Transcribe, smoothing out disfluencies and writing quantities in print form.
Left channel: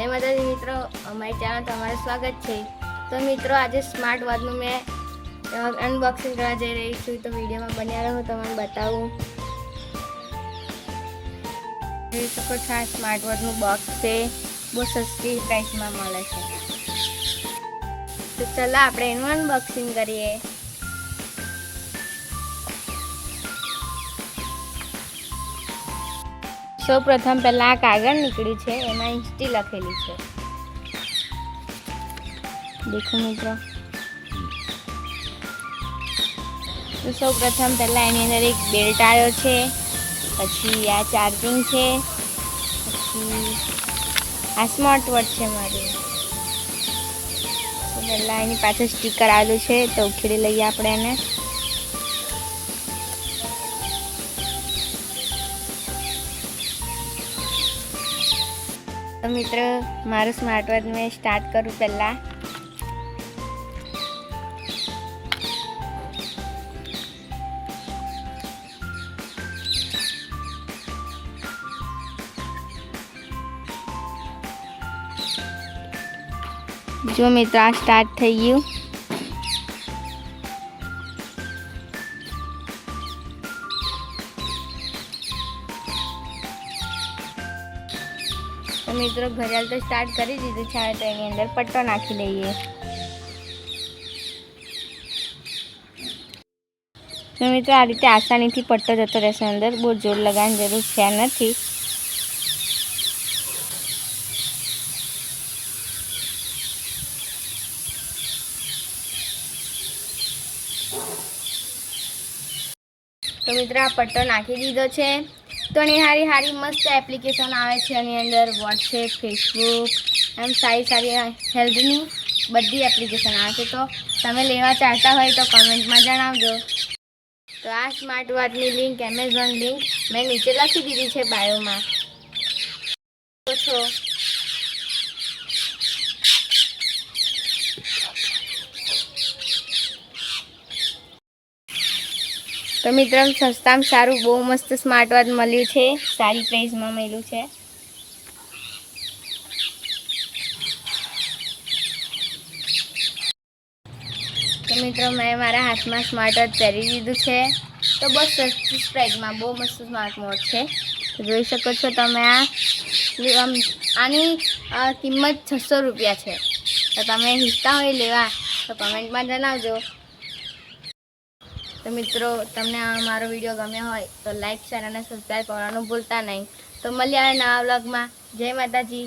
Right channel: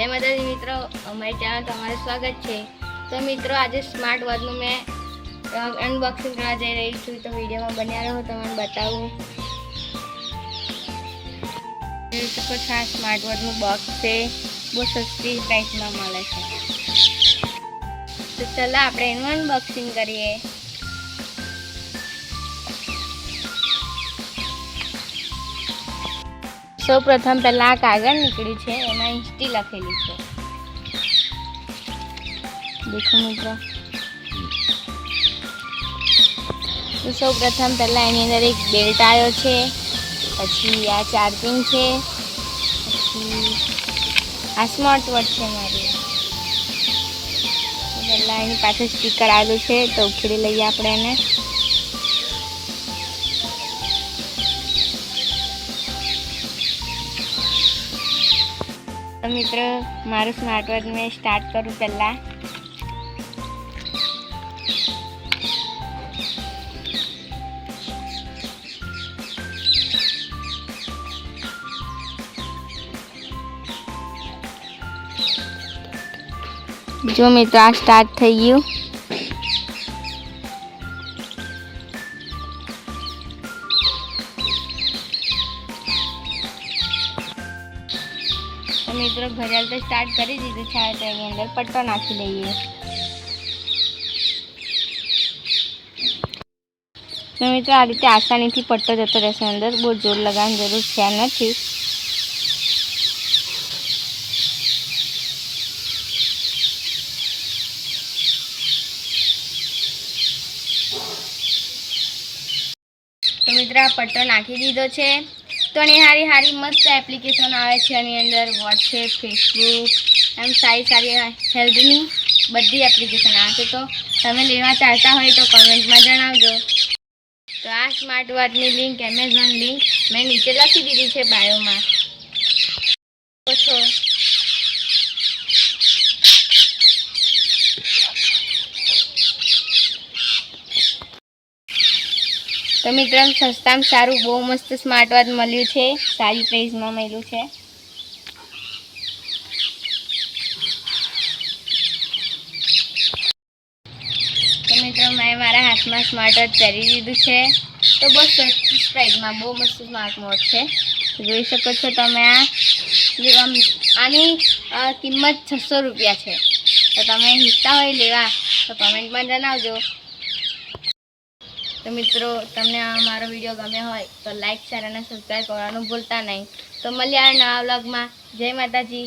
जय माताजी मित्रों, अमारी चैनल તમારું સ્વાગત છે। તો મિત્રો આજે સ્માર્ટ વોચનું મેં અનબોક્સિંગ કરવા જઈ રહી છું, તો વિડીયોમાં બન્યા રહો, તમને બતાવું। જોઈ શકો છો આ સ્માર્ટ વોચનું બોક્સ છે, બહુ સસ્તી પ્રાઇસમાં મળે છે। તો ચાલો આપણે એનું અનબોક્સિંગ કરીએ। सौ प्रथम पहला कागज निकली है, एम इंस्टी लखेली है। देखो मित्रों, तो सौ प्रथम पहला एनी अंदर एक बेल्ट आयो छे, पछी आ चार्जिंग है, पछी आ स्मार्ट वॉच है मारी। तो पहला एनी पाछे स्टीकर आलू है, तो उखेड़ी लईए आपणे एने। तो मित्रों मारू स्मार्ट वॉच में स्टार्ट करूँ पहला। जो मित्रों आ स्टार्ट थई गयुं। तो मित्रों घड़ियाल तो स्टार्ट करी दीधुं छे, तो एनी अंदर पट्टो नाखी लईए। तो मित्रों आ रीते आसानी थी पट्टो जतो रहेशे अंदर, बहुत जोर लगाववानी जरूर छे नथी। तो मित्रों आ पट्टो नाखी दीधो छे। तो हारी हारी मस्त एप्लिकेशन आवे छे एनी अंदर, व्हाट्सएप, फेसबुक, एम सारी सारी हेल्थनी बधी एप्लिकेशन आवे छे। तो तमे लेवा चाहता होय तो कमेंट में जणावजो। तो आ स्मार्ट वॉचनी लिंक, एमेझॉन लिंक मैं नीचे लखी दीधी छे बायो में। तो मित्रों सस्ता में सारू बहुत मस्त स्मार्ट वॉच मळ्युं छे, सारी प्राइस में मळ्युं छे। तो मित्रों मैं मारा हाथ में स्मार्ट वॉच पहरी दीधुं छे। तो बहुत सस्ती प्राइस में बहुत मस्त स्मार्ट वॉच है। तो जोई शको छो तमे आनी किंमत 600 रुपया है। तो तमे हिस्सा होय लेवा तो कमेंट में जणावजो। तो मित्रों तमने मारो वीडियो गम्यो होय तो लाइक, शेयर और सब्सक्राइब करवानुं भूलता नहीं। तो मळीए नवा व्लॉग में। जय माताजी।